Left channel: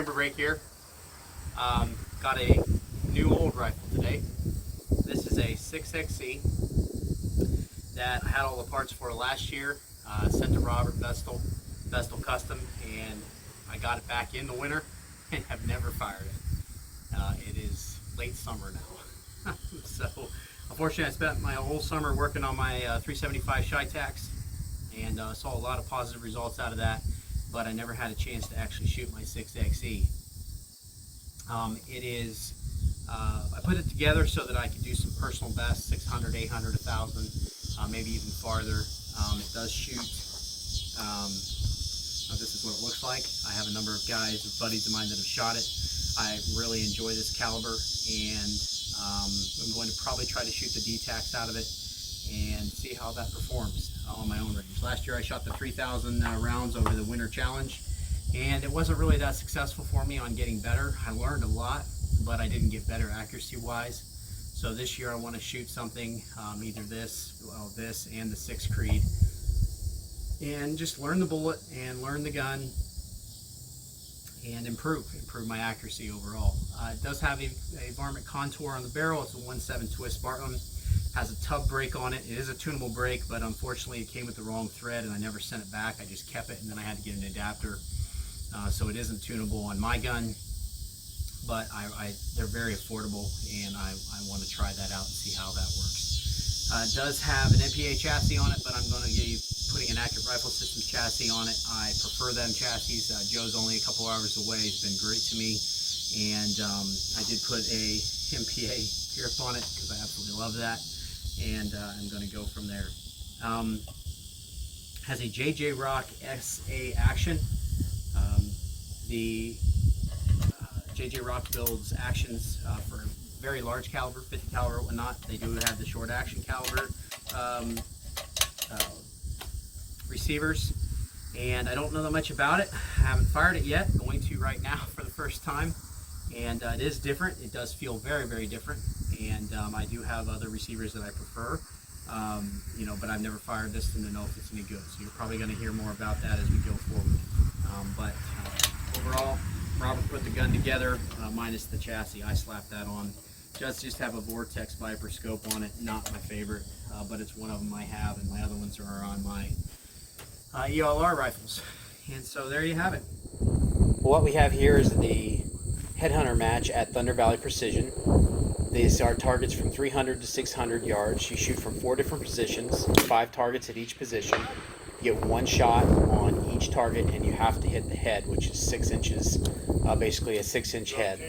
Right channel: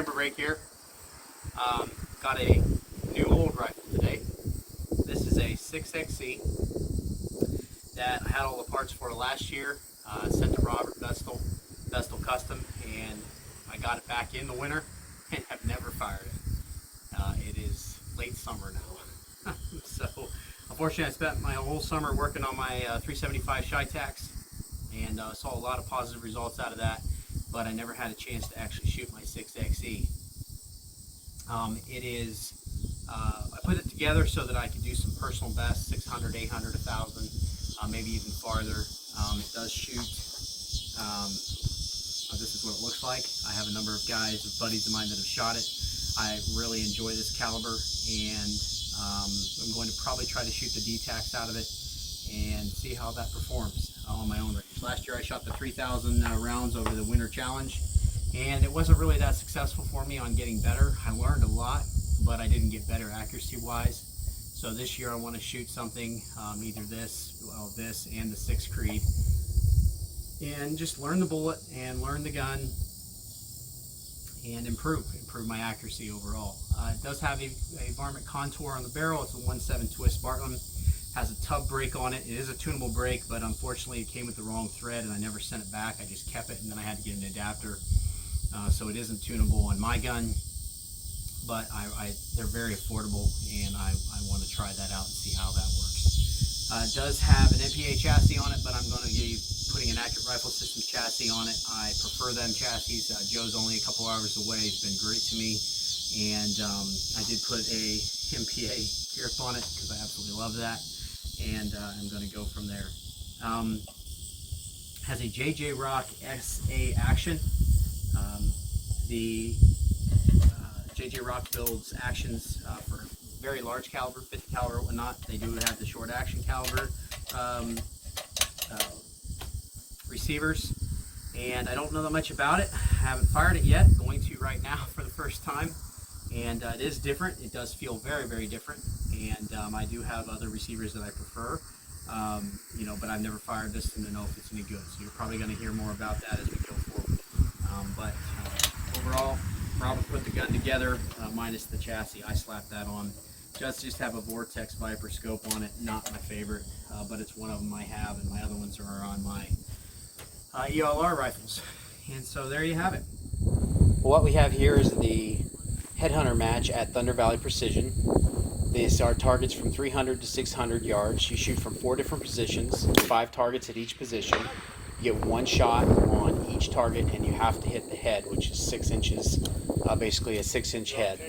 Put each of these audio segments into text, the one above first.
timber break here. Got a new old rifle today. This is a 6XC that I had all the parts for last year. Sent to Robert Vestal Custom, and I got it back in the winter and have never fired it. It is late summer now. So unfortunately I spent my whole summer working on my 375 Shitax and saw a lot of positive results out of that, but I never had a chance to actually shoot my 6XE. I put it together so that I could do some personal bests, 600, 800, 1,000, maybe even farther. It does shoot. This is what it looks like. I have a number of guys, buddies of mine that have shot it. I really enjoy this caliber, and I'm going to probably try to shoot the D-Tax out of it and see how that performs on my own range. Last year I shot the 3,000 rounds over the winter challenge, and it wasn't really that successful for me on getting better. I learned a lot, but I didn't get better accuracy wise. So this year I want to shoot something, either this and the 6 Creed, and just learn the bullet and learn the gun and improve my accuracy overall. It does have a varmint contour on the barrel. It's a 1/7 twist Bartlam. Has a tub brake on it. It is a tunable brake, but unfortunately it came with the wrong thread and I never sent it back. I just kept it, and then I had to get an adapter. So it isn't tunable on my gun, but they're very affordable, and I want to try that out and see how that works. It does have an MPA chassis on it, but I'm going to be putting an Accurate Rifle Systems chassis on it. I prefer them chassis. Joe's only a couple hours away. He's been great to me, and I did put a MPA grip on it because I absolutely love that, and I'm going to go from there. Has a JJ Rock SA action. The JJ Rock builds actions for very large caliber, 50 caliber or whatnot. They do have the short action caliber receivers, and I don't know that much about it. I haven't fired it yet. I'm going to right now for the first time, and it is different. It does feel very, very different, and I do have other receivers that I prefer, but I've never fired this to know if it's any good. So you're probably going to hear more about that as we go forward. But overall, Robert put the gun together, minus the chassis. I slapped that on. It does just have a Vortex Viper scope on it. Not my favorite, but it's one of them I have, and my other ones are on my ELR rifles. And so there you have it. What we have here is the headhunter match at Thunder Valley Precision. These are targets from 300 to 600 yards. You shoot from 4 different positions, 5 targets at each position. You get 1 shot on each target, and you have to hit the head, which is 6 inches, basically a 6-inch head.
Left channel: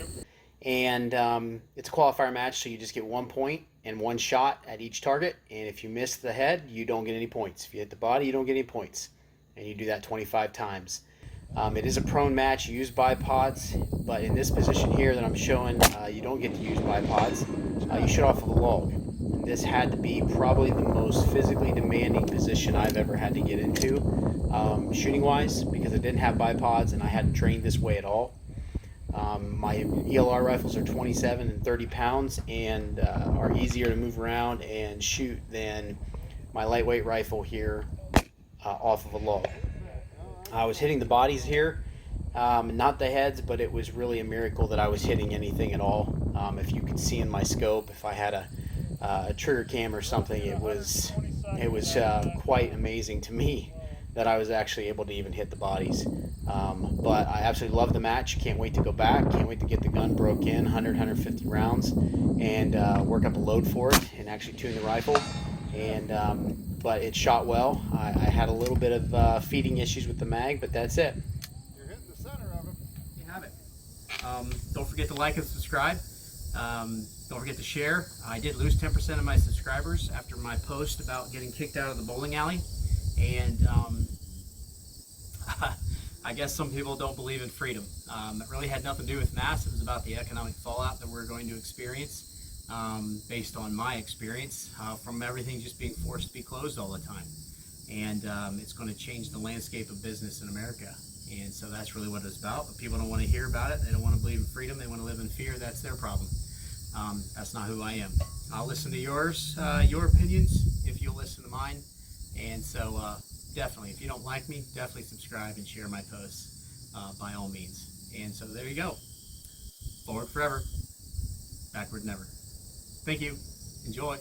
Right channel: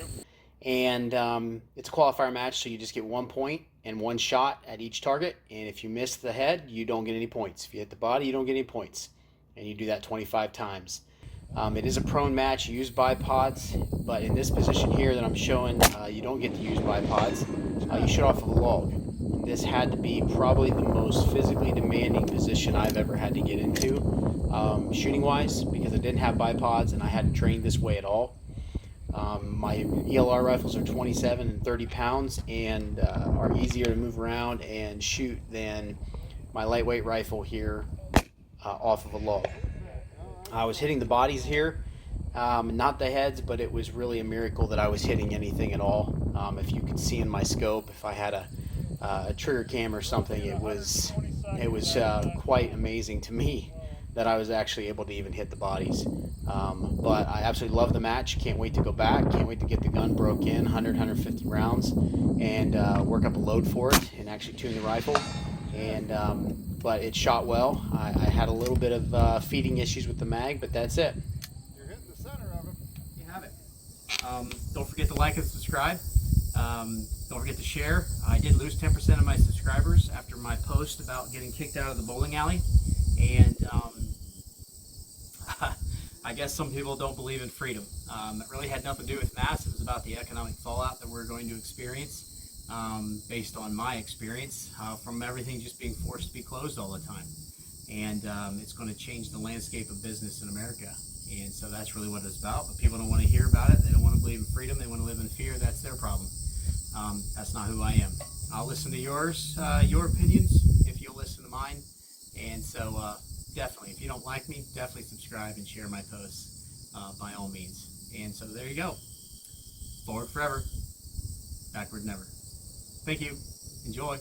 And it's a qualifier match, so you just get 1 point and 1 shot at each target. And if you miss the head, you don't get any points. If you hit the body, you don't get any points. And you do that 25 times. It is a prone match. You use bipods, but in this position here that I'm showing, you don't get to use bipods. You shoot off of a log. This had to be probably the most physically demanding position I've ever had to get into, shooting wise, because I didn't have bipods and I hadn't trained this way at all. My ELR rifles are 27 and 30 pounds and are easier to move around and shoot than my lightweight rifle here off of a log. I was hitting the bodies here, not the heads, but it was really a miracle that I was hitting anything at all. If you could see in my scope, if I had a trigger cam or something, it was quite amazing to me that I was actually able to even hit the bodies. But I absolutely love the match. Can't wait to go back. Can't wait to get the gun broke in, 100, 150 rounds, and work up a load for it and actually tune the rifle. But it shot well. I had a little bit of feeding issues with the mag, but that's it. You're hitting the center of it. You have it. Don't forget to like and subscribe. Don't forget to share. I did lose 10% of my subscribers after my post about getting kicked out of the bowling alley, and I guess some people don't believe in freedom. It really had nothing to do with mass. It was about the economic fallout that we're going to experience, based on my experience from everything just being forced to be closed all the time. And it's going to change the landscape of business in America. And so that's really what it's about. But people don't want to hear about it. They don't want to believe in freedom. They want to live in fear. That's their problem. That's not who I am. I'll listen to yours, your opinions, if you'll listen to mine. And so definitely, if you don't like me, definitely subscribe and share my posts by all means. And so there you go. Forward forever, backward never. Thank you. Enjoy.